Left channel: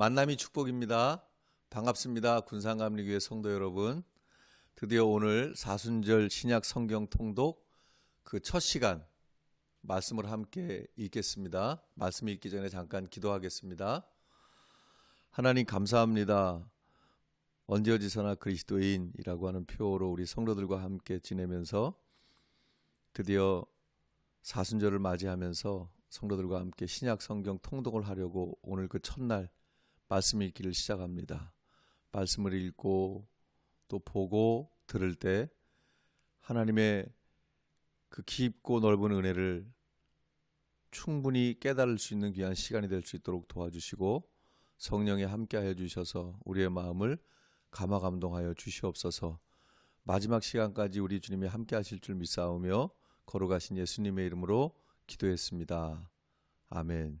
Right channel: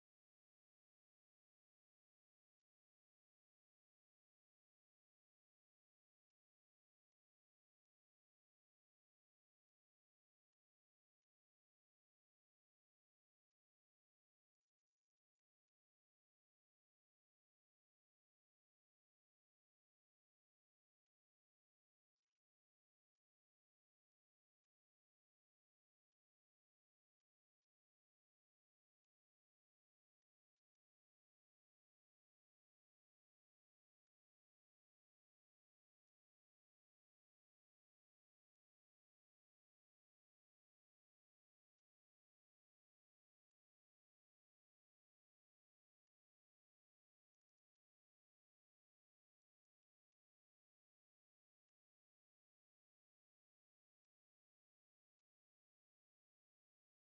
만남이 축복입니다. 반갑습니다. 군산감리교회 성도 여러분. 드디어 오늘 사순절 신약 성경 통독 그 첫 시간 말씀을 함께 읽겠습니다. 말씀 읽기 전에 잠깐 기도하겠습니다. 하나님 감사합니다. 언제 어디서나 그리스도인이라고 하는 표로 우리 성도들과 함께 지내면서 드디어 사순절을 맞이하면서 성도들과 함께 신약 성경 통독을 하려고 오늘 그 첫날 말씀 읽기를 시작합니다. 말씀을 읽고 또 보고 들을 때 하나님의 그 깊고 넓은 은혜를 충분히 깨달을 수 있는 귀한 시간이 될 수 있도록 도와주시고 성령에 함께하여 주셔서 우리의 마음을 감화 감동하여 주시옵소서. 마지막 시간까지 우리 주님이 함께하실 줄 믿사오며 걸어가신 예수님의 이름으로 기도했습니다. 아멘.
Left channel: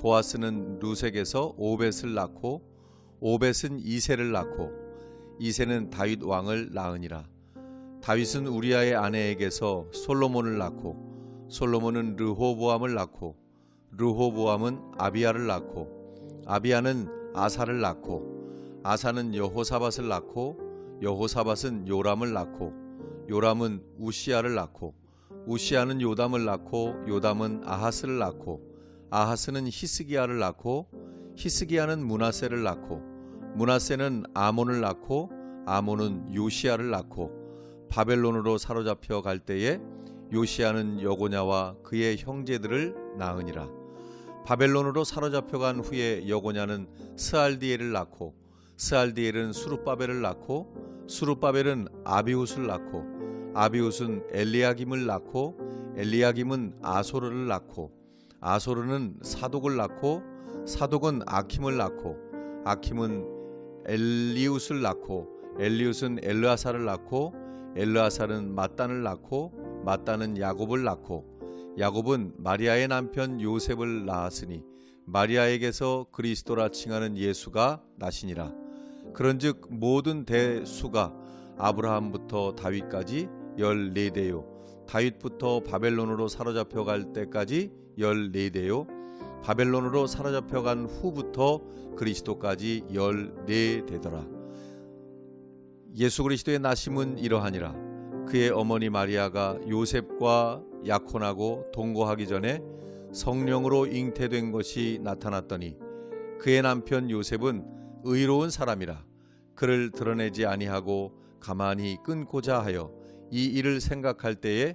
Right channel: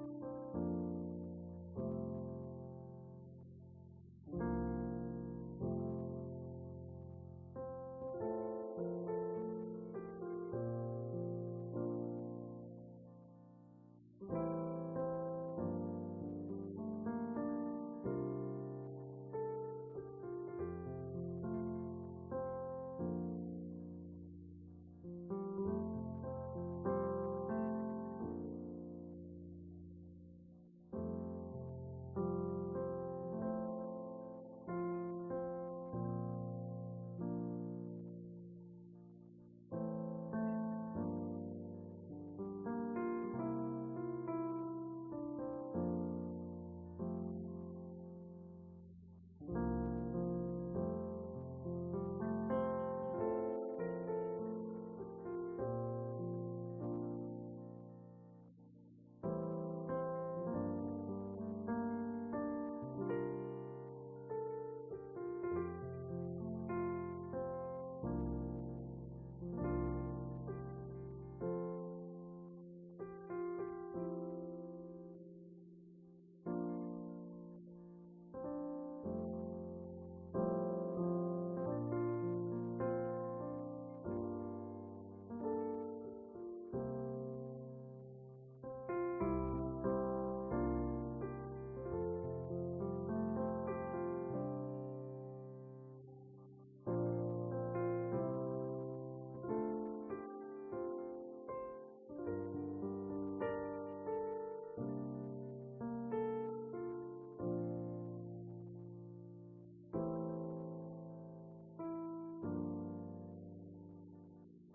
보아스는 루색에서 오벳을 낳고 오벳은 이세를 낳고 이세는 다윗 왕을 낳으니라. 다윗은 우리아의 아내에게서 솔로몬을 낳고 솔로몬은 르호보암을 낳고 르호보암은 아비야를 낳고 아비야는 아사를 낳고 아사는 여호사밧을 낳고 여호사밧은 요람을 낳고 요람은 우시야를 낳고 우시야는 요담을 낳고 요담은 아하스를 낳고 아하스는 히스기야를 낳고 히스기야는 문하세를 낳고 문하세는 아몬을 낳고 아몬은 요시야를 낳고 바벨론으로 사로잡혀 갈 때에 요시야는 여고냐와 그의 형제들을 낳으니라. 바벨론으로 사로잡혀 간 후에 여고냐는 스알디엘을 낳고 스알디엘은 수룹바벨을 낳고 수룹바벨은 아비웃을 낳고 아비웃은 엘리야김을 낳고 엘리야김은 아소르를 낳고 아소르는 사독을 낳고 사독은 아킴을 낳고 아킴은 엘리웃을 낳고 엘리웃은 엘르아사를 낳고 엘르아사는 마단을 낳고 마단은 야곱을 낳고 야곱은 마리아의 남편 요셉을 낳았으니 마리아에게서 그리스도라 칭하는 예수가 나시니라. 그런즉 모든 대수가 아브라함부터 다윗까지 열네 대요. 다윗부터 바벨론으로 사로잡혀 갈 때까지 열네 대요. 바벨론으로 사로잡혀 간 후부터 그리스도까지 열네 대더라. 예수 그리스도의 나심은 이러하니라. 그의 어머니 마리아가 요셉과 약혼하고 동거하기 전에 성령으로 잉태된 것이 나타났더니 그의 남편 요셉은 의로운 사람이라 그를 드러내지 아니하고 가만히 끊고자 하여 이 일을 생각할 때에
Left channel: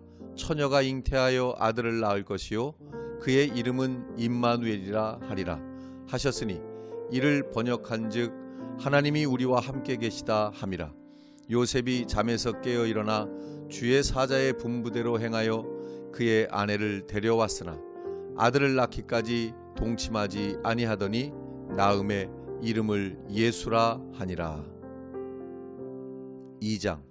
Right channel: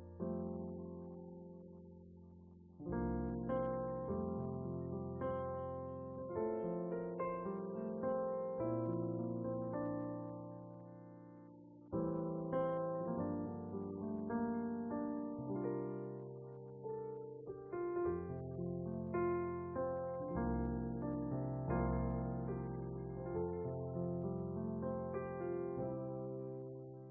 처녀가 잉태하여 아들을 낳을 것이요 그의 이름은 임마누엘이라 하리라 하셨으니 이를 번역한즉 하나님이 우리와 함께 계시다 함이라. 요셉이 잠에서 깨어 일어나 주의 사자의 분부대로 행하여 그의 아내를 데려왔으나 아들을 낳기까지 동침하지 아니하더니 나음의 이름을 예수라 하니라. 2장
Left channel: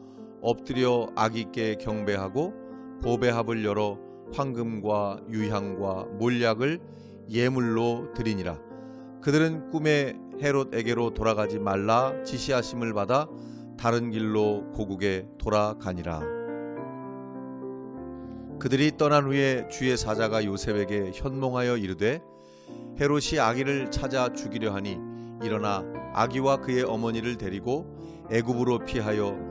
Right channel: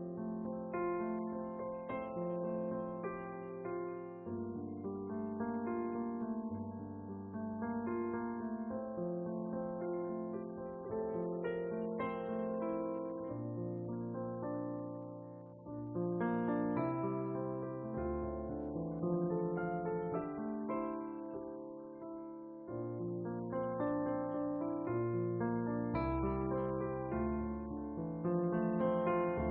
엎드려 아기께 경배하고 보배합을 열어 황금과 유향과 몰약을 예물로 드리니라. 그들은 꿈에 헤롯에게로 돌아가지 말라 지시하심을 받아 다른 길로 고국에 돌아가니라. 그들이 떠난 후에 주의 사자가 요셉에게 현몽하여 이르되 헤롯이 아기를 찾아 죽이려 하니 일어나 아기와 그의 어머니를 데리고 애굽으로 피하여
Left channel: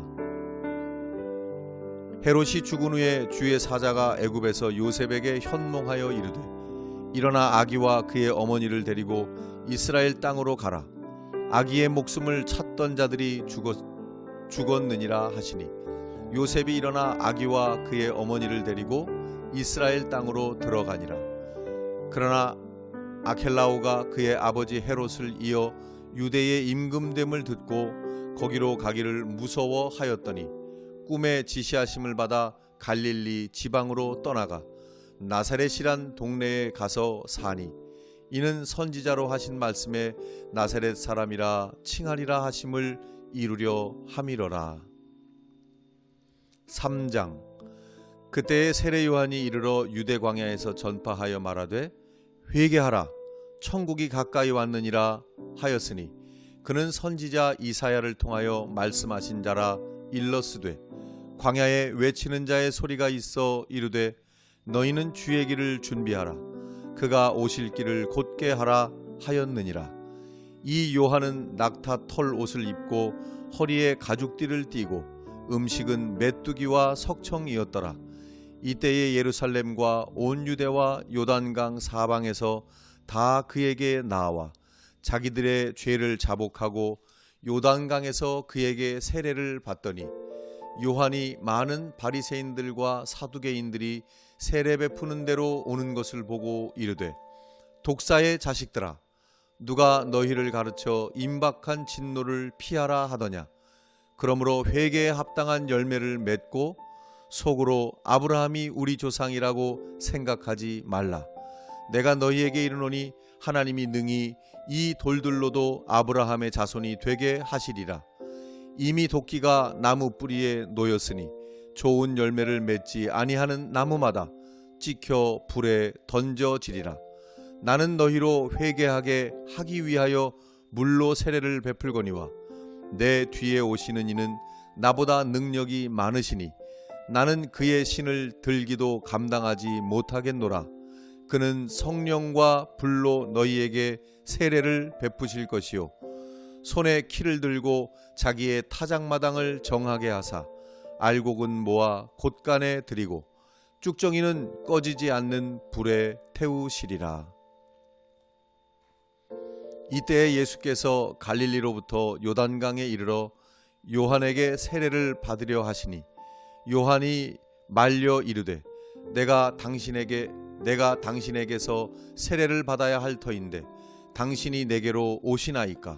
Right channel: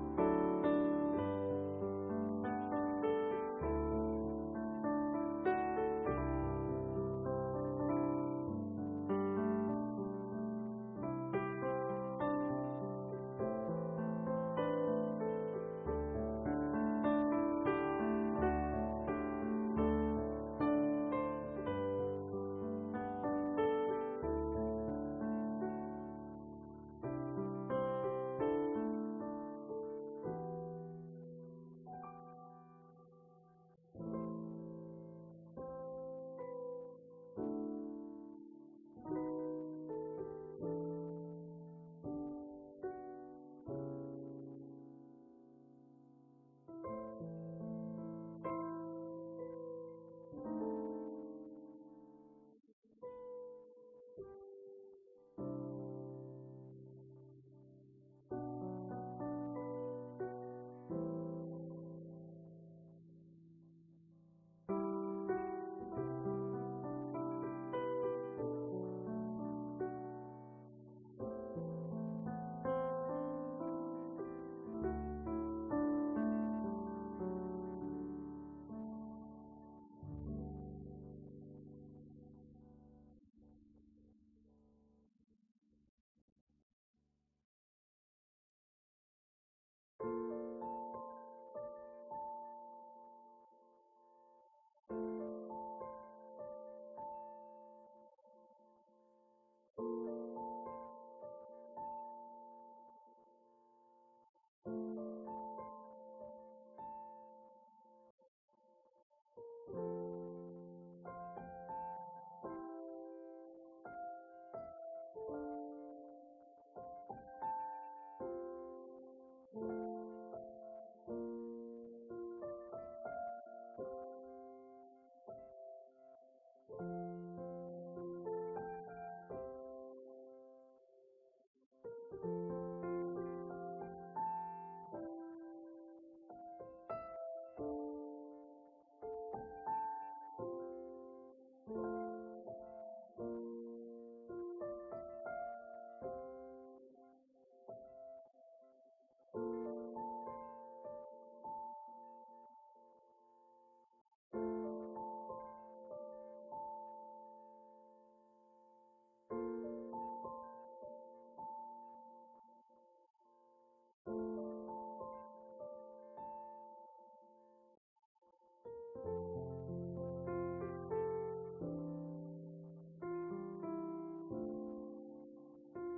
헤롯이 죽은 후에 주의 사자가 애굽에서 요셉에게 현몽하여 이르되 일어나 아기와 그의 어머니를 데리고 이스라엘 땅으로 가라. 아기의 목숨을 찾던 자들이 죽었, 죽었 느니라 하시니 요셉이 일어나 아기와 그의 어머니를 데리고 이스라엘 땅으로 들어가니라. 그러나 아켈라오가 그의 아버지 헤롯을 이어 유대의 임금됨을 듣고 거기로 가기를 무서워하였더니 꿈에 지시하심을 받아 갈릴리 지방으로 떠나가 나사렛이란 동네에 가서 사니 이는 선지자로 하신 말씀에 나사렛 사람이라 칭하리라 하심을 이루려 함이러라. 3장 그때에 세례 요한이 이르러 유대 광야에서 전파하여 말하되 회개하라 천국이 가까이 왔느니라 하였으니 그는 선지자 이사야를 통하여 말씀하신 자라 일러스되 광야에 외치는 자의 소리가 있어 이르되 너희는 주의 길을 준비하라. 그가 오실 길을 곧게 하라 하였느니라. 이 요한은 낙타 털 옷을 입고 허리에 가죽띠를 띠고 음식은 메뚜기와 석청이었더라. 이때에 예루살렘과 온 유대와 요단강 사방에서 다 그에게 나와 자기들의 죄를 자복하고 요단강에서 그에게 세례를 받더니 요한이 많은 바리새인들과 사두개인들이 세례 베푸는 대로 오는 것을 보고 이르되 독사의 자식들아 누가 너희를 가르쳐 임박한 진노를 피하라 하더냐? 그러므로 회개에 합당한 열매를 맺고 속으로 아브라함이 우리 조상이라고 생각하지 말라. 내가 너희에게 이르노니 하나님이 능히 이 돌들로도 아브라함의 자손이 되게 하시리라 이미 도끼가 나무 뿌리에 놓였으니 좋은 열매를 맺지 아니하는 나무마다 찍혀 불에 던져지리라. 나는 너희로 회개하게 하기 위하여 물로 세례를 베풀거니와 내 뒤에 오시는 이는 나보다 능력이 많으시니 나는 그의 신을 들기도 감당하지 못하겠노라. 그는 성령과 불로 너희에게 세례를 베푸실 것이요. 손에 키를 들고 자기의 타작마당을 정하게 하사 알곡은 모아 곳간에 들이고 쭉정이는 꺼지지 않는 불에 태우시리라. 이때에 예수께서 갈릴리로부터 요단강에 이르러 요한에게 세례를 받으려 하시니 요한이 말려 이르되 내가 당신에게 내가 당신에게서 세례를 받아야 할 터인데 당신이 내게로 오시나이까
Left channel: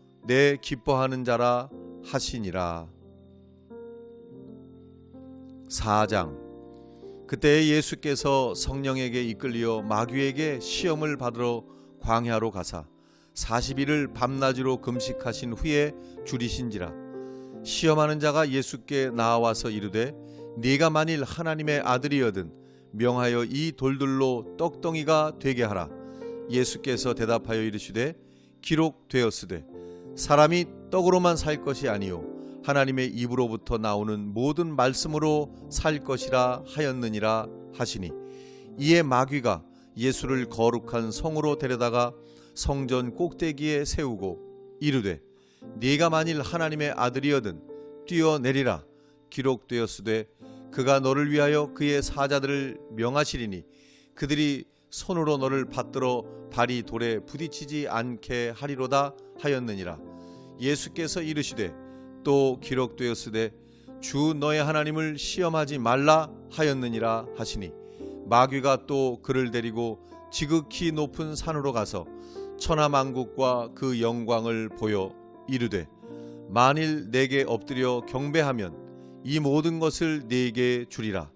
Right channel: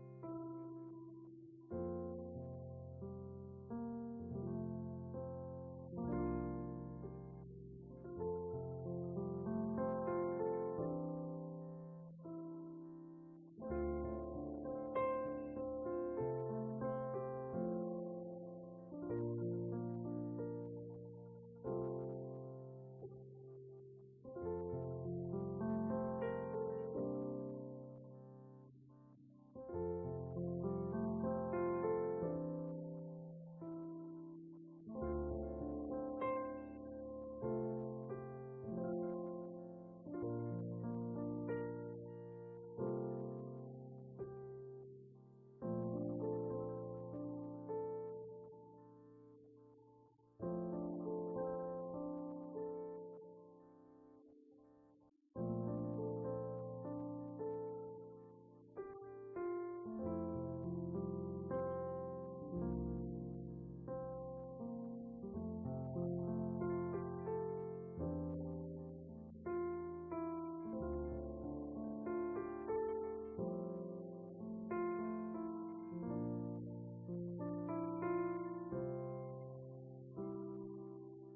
내 기뻐하는 자라 하시니라. 4장 그때 예수께서 성령에게 이끌려 마귀에게 시험을 받으러 광야로 가사 40일을 밤낮으로 금식하신 후에 줄이신지라 시험하는 자가 예수께 나와서 이르되 네가 만일 하나님의 아들이여든 명하여 이 돌들로 떡덩이가 되게 하라 예수께서 대답하여 이르시되 기록되었으되 사람이 떡으로만 살 것이 아니요 하나님의 입으로부터 나오는 모든 말씀으로 살 것이라 하였느니라 하시니 이에 마귀가 예수를 거룩한 성으로 데려다가 성전 꼭대기에 세우고 이르되 네가 만일 하나님의 아들이여든 뛰어내리라 기록되었으되 그가 너를 위하여 그의 사자들을 명하시리니 그들이 손으로 너를 받들어 발이 돌에 부딪히지 않게 하리로다 하였느니라. 예수께서 이르시되 또 기록되었으되 주 너의 하나님을 시험하지 말라 하였느니라 하시니 마귀가 또 그를 데리고 지극히 높은 산으로 가서 천하 만국과 그 영광을 보여 이르되 만일 내게 엎드려 경배하면 이 모든 것을 네게 주리라.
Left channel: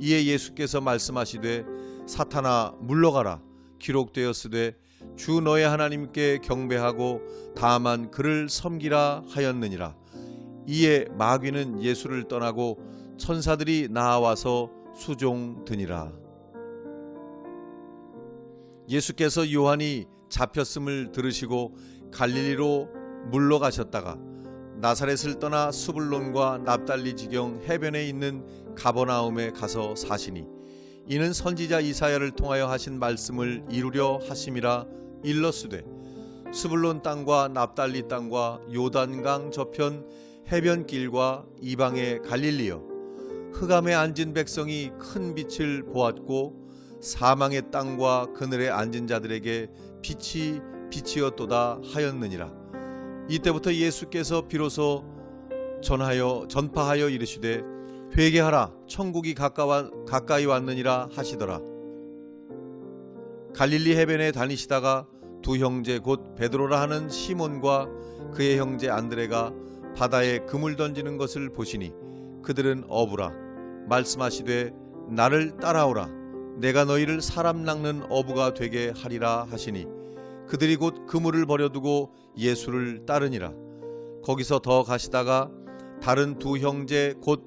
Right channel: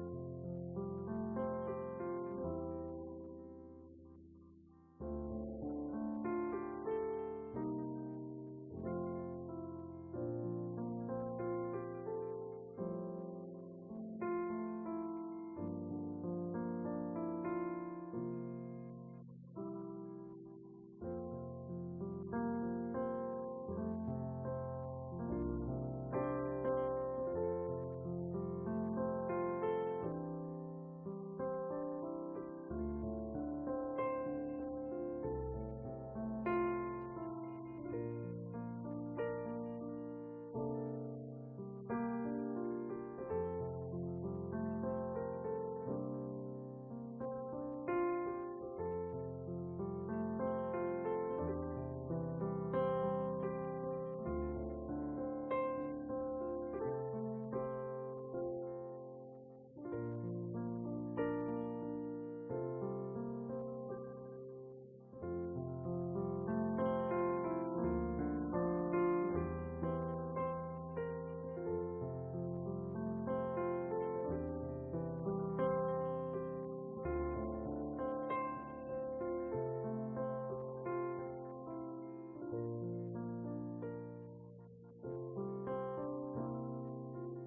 이에 예수께서 말씀하시되 사탄아 물러가라. 기록되었으되 주 너의 하나님께 경배하고 다만 그를 섬기라 하였느니라. 이에 마귀는 예수를 떠나고 천사들이 나와서 수종드니라. 예수께서 요한이 잡혔음을 들으시고 갈릴리로 물러가셨다가 나사렛을 떠나 수불론과 납달리 지경 해변에 있는 가버나움에 가서 사시니 이는 선지자 이사야를 통하여 하신 말씀을 이루려 하심이라 일러스되 수불론 땅과 납달리 땅과 요단강 저편 해변길과 이방의 갈릴리여 흑암에 앉은 백성이 큰 빛을 보았고 사망의 땅과 그늘에 앉은 자들에게 빛이 빛이었도다 하였느니라. 이때부터 예수께서 비로소 전하여 전파하여 이르시되 회개하라. 천국이 가까이 왔느니라 하시더라. 갈릴리 해변에 다니시다가 두 형제 곧 베드로라 하는 시몬과 그의 형제 안드레가 바다에 그물 던지는 것을 보시니 그들은 어부라. 말씀하시되 나를 따라오라. 내가 너희를 사람 낚는 어부가 되게 하리라 하시니 그들이 곧 그물을 버려두고 예수를 따르니라. 거기서 더 가시다가 다른 두 형제 곧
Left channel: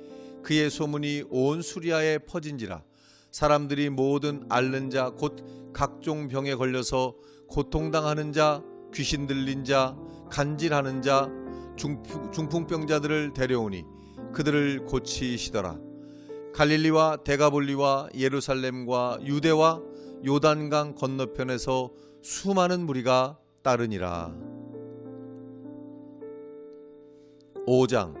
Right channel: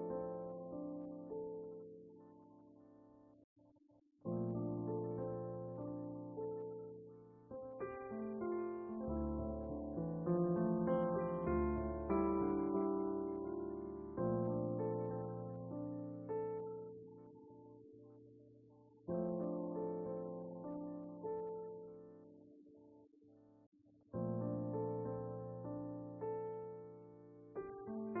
그의 소문이 온 수리아에 퍼진지라 사람들이 모든 앓는 자 곧 각종 병에 걸려서 고통당하는 자 귀신 들린 자 간질하는 자 중풍, 중풍병자들을 데려오니 그들을 고치시더라 갈릴리와 데가볼리와 예루살렘과 유대와 요단강 건너편에서 수많은 무리가 따르니라. 5장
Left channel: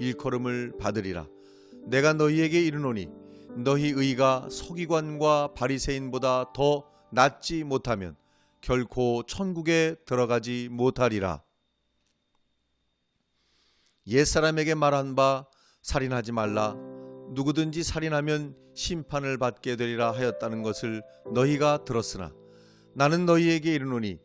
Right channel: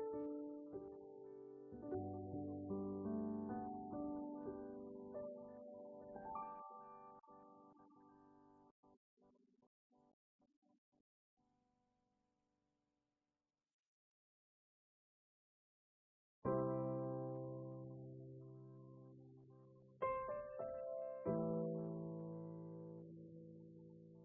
일컬음을 받으리라. 내가 너희에게 이르노니 너희 의가 서기관과 바리새인보다 더 낫지 못하면 결코 천국에 들어가지 못하리라. 옛사람에게 말한 바 살인하지 말라. 누구든지 살인하면 심판을 받게 되리라 하였다는 것을 너희가 들었으나 나는 너희에게 이르노니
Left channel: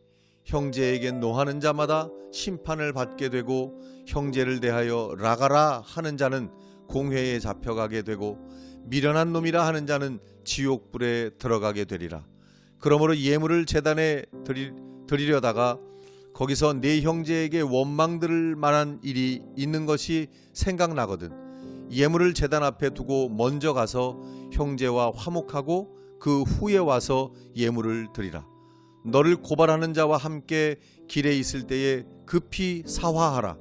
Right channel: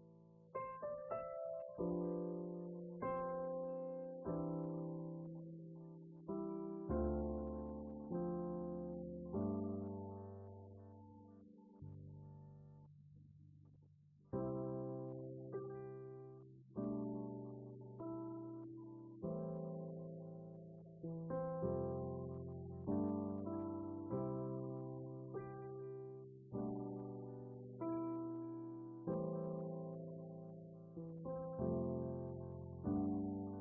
형제에게 노하는 자마다 심판을 받게 되고 형제를 대하여 라가라 하는 자는 공회에 잡혀가게 되고 미련한 놈이라 하는 자는 지옥 불에 들어가게 되리라. 그러므로 예물을 제단에 드리, 드리려다가 거기서 네 형제에게 원망 들을 만한 일이 있는 것이 생각나거든. 예물을 제단 앞에 두고 먼저 가서 형제와 화목하고 그 후에 와서 예물을 드리라. 너를 고발하는 자와 함께 길에 있을 때에 급히 사화하라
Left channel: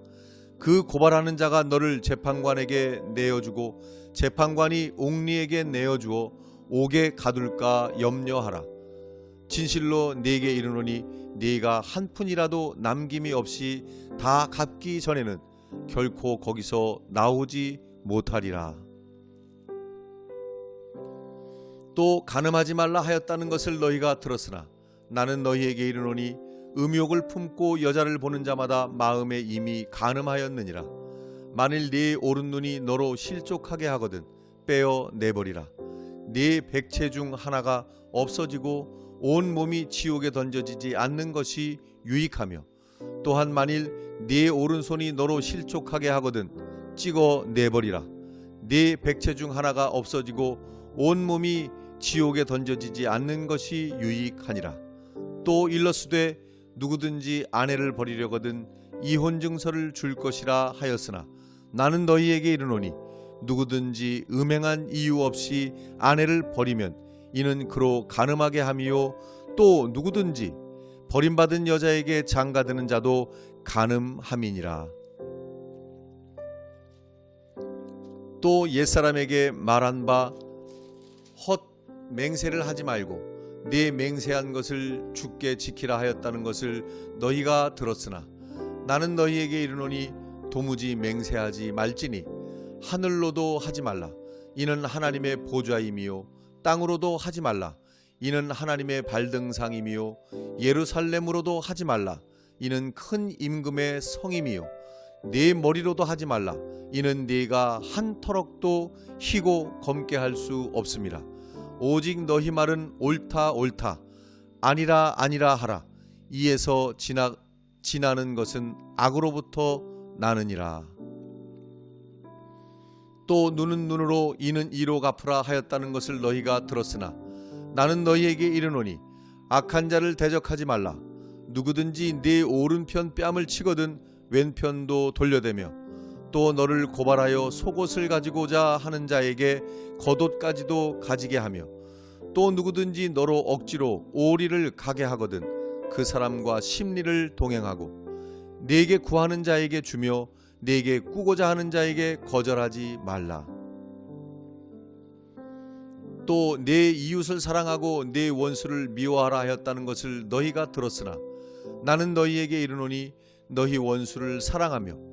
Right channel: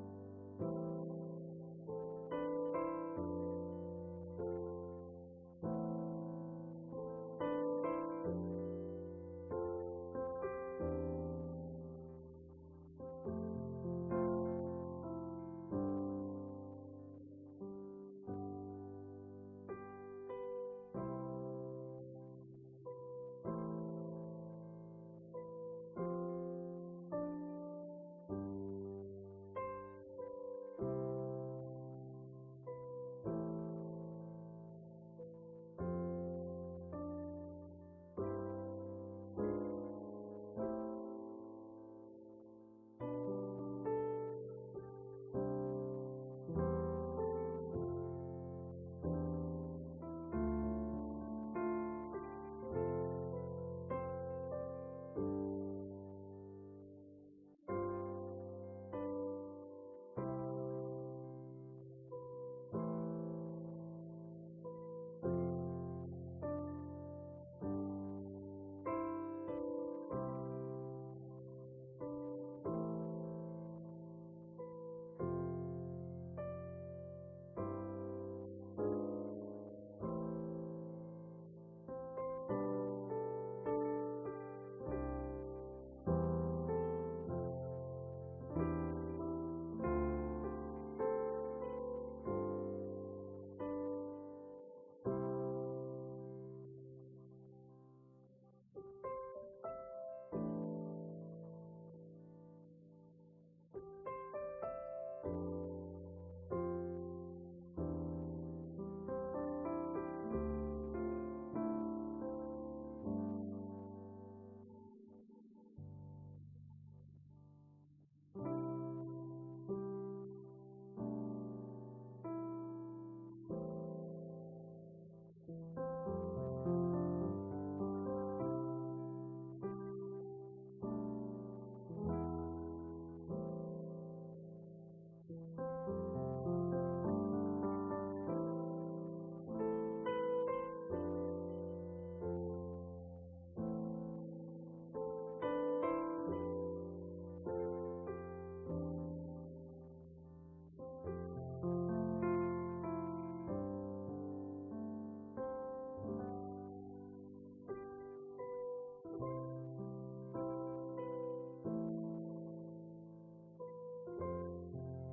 그 고발하는 자가 너를 재판관에게 내어주고 재판관이 옥리에게 내어주어 옥에 가둘까 염려하라 진실로 네게 이르노니 네가 한 푼이라도 남김이 없이 다 갚기 전에는 결코 거기서 나오지 못하리라. 또 가늠하지 말라 하였다는 것을 너희가 들었으나 나는 너희에게 이르노니 음욕을 품고 여자를 보는 자마다 마음에 이미 가늠하였느니라. 만일 네 오른 눈이 너로 실족하게 하거든 빼어 내버리라. 네 백체 중 하나가 없어지고 온 몸이 지옥에 던져지지 않는 것이 유익하며 또한 만일 네 오른손이 너로 실족하게 하거든 찍어 내버리라 네 백체 중 하나가 없어지고 온 몸이 지옥에 던져지지 않는 것이 유익하니라 또 일러스되 누구든지 아내를 버리려거든 이혼 증서를 줄 것이라 하였으나 나는 너희에게 이르노니 누구든지 음행한 이유 없이 아내를 버리면 이는 그로 가늠하게 함이요 또 누구든지 버림받은 여자에게 장가드는 자도 가늠함이니라. 또 옛사람에게 말한 바 헛 맹세를 하지 말고 네 맹세한 것을 죽게 지키라 하였다는 것을 너희가 들었으나 나는 너희에게 이르노니 도무지 맹세하지 말지니 하늘로도 하지 말라. 이는 하나님의 보좌임이요 땅으로도 하지 말라. 이는 하나님의 발등상이미요 예루살렘으로도 하지 말라. 이는 큰 임금의 성임이요 네 머리로도 하지 말라. 이는 네가 한 터럭도 희고 검게 할 수 없음이라 오직 너희 말은 옳다 옳다. 아니라 아니라 하라. 이에서 지나 지나는 것은 악으로부터 나느니라. 또 눈은 눈으로 이는 이로 갚으라 하였다는 것을 너희가 들었으나 나는 너희에게 이르노니 악한 자를 대적하지 말라. 누구든지 네 오른편 뺨을 치거든 왼편도 돌려대며 또 너를 고발하여 속옷을 가지고자 하는 자에게 겉옷까지도 가지게 하며 또 누구든지 너로 억지로 오리를 가게 하거든 그 사람과 심리를 동행하고 네게 구하는 자에게 주며 네게 꾸고자 하는 자에게 거절하지 말라. 또내 이웃을 사랑하고 내 원수를 미워하라 하였다는 것을 너희가 들었으나 나는 너희에게 이르노니 너희 원수를 사랑하며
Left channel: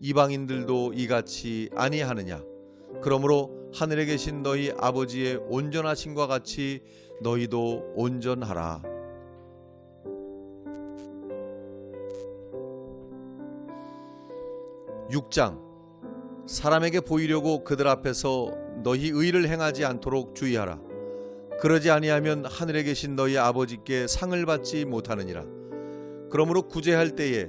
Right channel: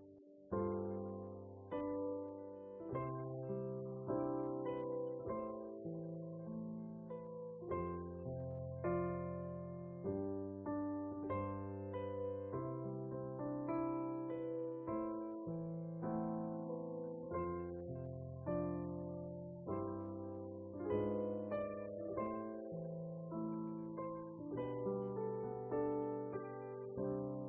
이방인들도 이같이 아니하느냐 그러므로 하늘에 계신 너희 아버지의 온전하심과 같이 너희도 온전하라. 6장 사람에게 보이려고 그들 앞에서 너희 의를 행하지 않도록 주의하라. 그러지 아니하면 하늘에 계신 너희 아버지께 상을 받지 못하느니라. 그러므로 구제할 때에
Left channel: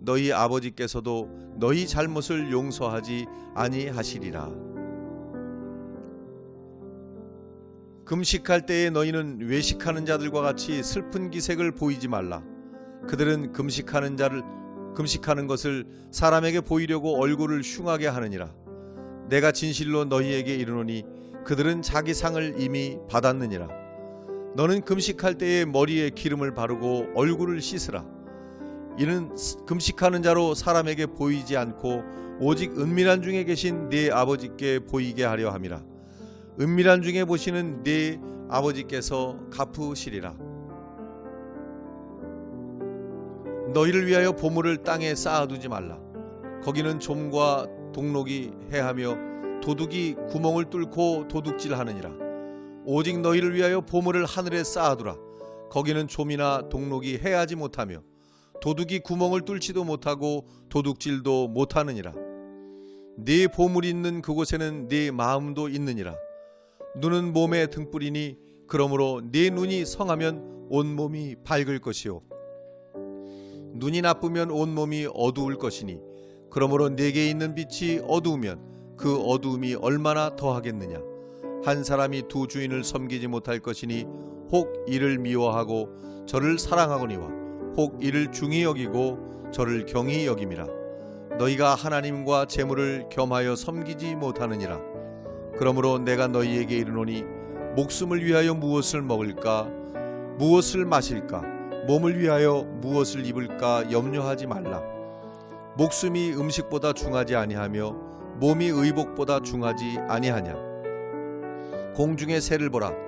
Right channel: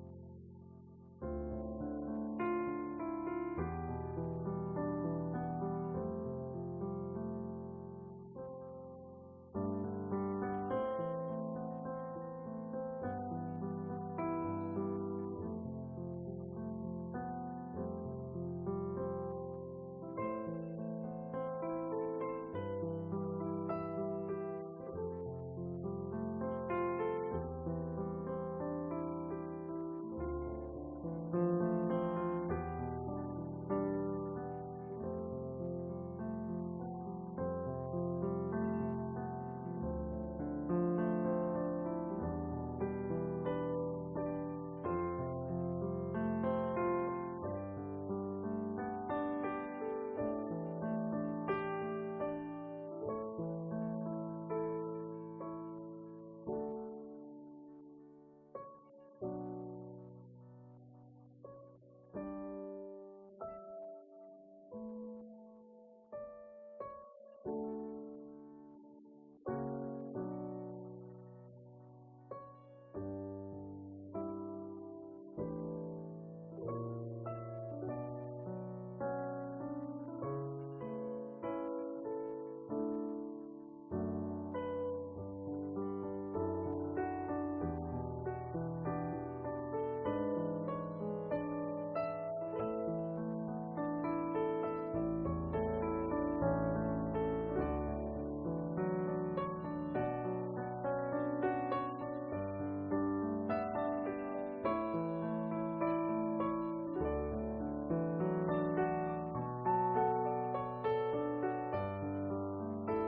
너희 아버지께서도 너희 잘못을 용서하지 아니하시리라. 금식할 때에 너희는 외식하는 자들과 같이 슬픈 기색을 보이지 말라. 그들은 금식하는 자를 금식하는 것을 사람에게 보이려고 얼굴을 흉하게 하느니라. 내가 진실로 너희에게 이르노니 그들은 자기 상을 이미 받았느니라. 너는 금식할 때에 머리에 기름을 바르고 얼굴을 씻으라. 이는 금식하는 자로 사람에게 보이지 않고 오직 은밀한 중에 계신 네 아버지께 보이게 하려 함이라. 은밀한 중에 보시는 네 아버지께서 갚으시리라. 너희를 위하여 보물을 땅에 쌓아두지 말라. 거기는 좀과 동록이 해하며 도둑이 구멍을 뚫고 도둑질하느니라. 오직 너희를 위하여 보물을 하늘에 쌓아두라. 거기는 좀이나 동록이 해하지 못하며 도둑이 구멍을 뚫지도 못하고 도둑질도 못하느니라. 네 보물이 있는 그곳에는 네 마음도 있느니라. 눈은 몸의 등불이니 그러므로 네 눈이 성하면 온 몸이 밝을 것이요 눈이 나쁘면 온 몸이 어두울 것이니 그러므로 내게 있는 빛이 어두우면 그 어두움이 얼마나 더하겠느냐 한 사람이 두 주인을 섬기지 못할 것이니 혹 이를 미워하고 저를 사랑하거니와 혹 이를 중히 여기고 저를 경히 여김이라. 너희가 하나님과 재물을 겸하여 섬기지 못하느니라. 그러므로 내가 너희에게 이르노니 목숨을 위하여 무엇을 먹을까? 무엇을 마실까? 몸을 위하여 무엇을 입을까? 염려하지 말라. 목숨이 음식보다 중하지 아니하며 몸이 의복보다 중하지 아니하냐? 공중의 새를 보라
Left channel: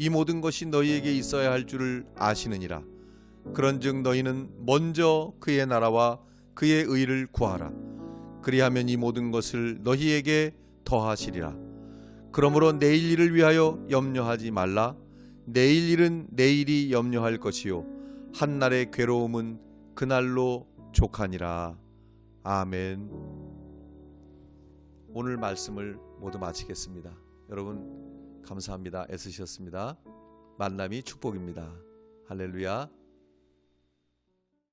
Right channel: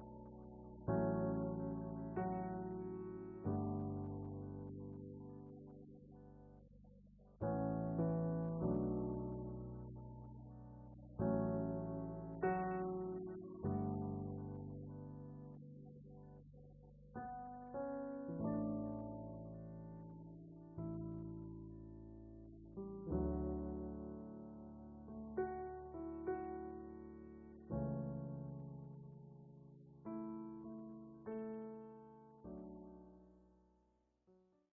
이 모든 것이 너희에게 있어야 할 줄을 아시느니라. 그런즉 너희는 먼저 그의 나라와 그의 의를 구하라. 그리하면 이 모든 것을 너희에게 더하시리라. 그러므로 내일 일을 위하여 염려하지 말라. 내일 일은 내일이 염려할 것이요. 한 날의 괴로움은 그 날로 족하니라. 아멘. 오늘 말씀을 모두 마치겠습니다. 여러분 감사합니다. 애쓰셨습니다. 만남이 축복입니다. 할렐루야